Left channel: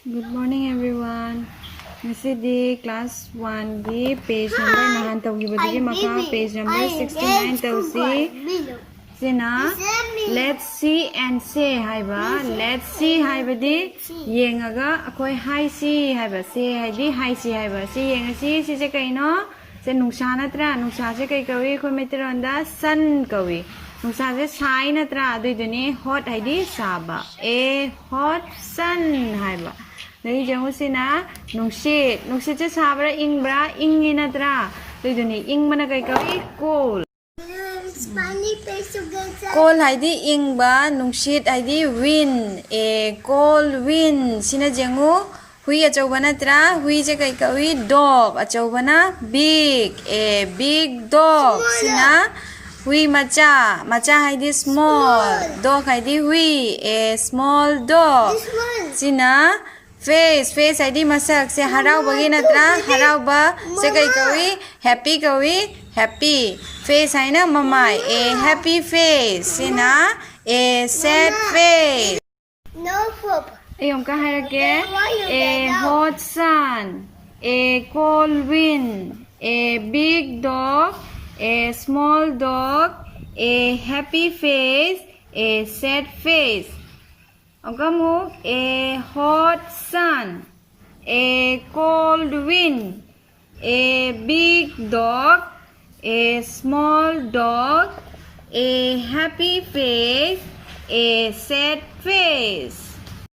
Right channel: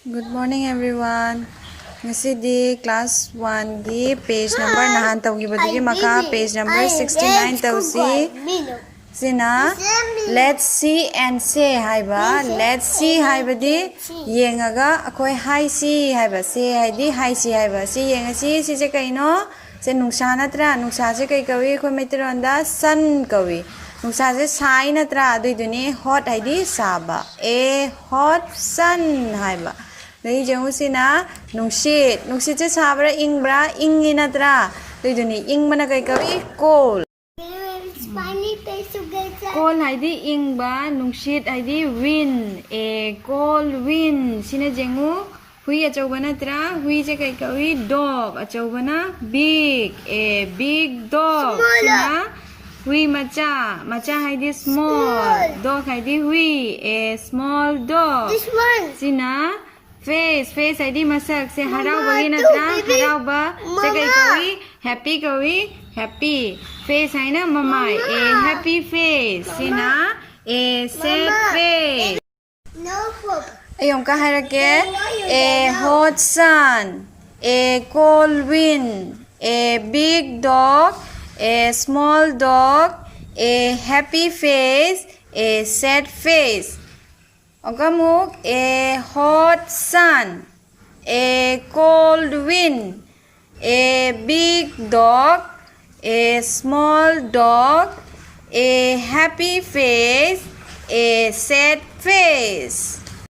Good morning everyone. Ngasi class 1 di page number nahan tawgibadigi maka page number 69 tawsi. Sina let's see and say haiba. Let's see haibadi yengaga akoi hai si haiba. Say haidi hai si haiba. Si yengasi si je kaino se nungsa natra nungsa je kai kawi ko metronda sun kawi. Nungsa je sai natra adui duni hot haidi saba. A hot sun haiba. Đây giống như na nungsit chứ sabra ingbra ingi natra đây duni ing mana kai kai cold cold hai di ing ba nungsit hai di wind a cold wind sina jengu hui achau bana tra hui je kai kai dog achau bana big a big dog sina hui macha hai di small dog hai di hui a small dog sina face hai di masak se harau bagi natra harau ba se kai kawi happy face hai na mamai a happy face sina a sad face no pop ayom ka harake a hot sun a cold wind a big dog a small dog a happy face a sad face Agamuk a hot sun, a cold wind, a big dog, a small dog, a happy face, a sad face.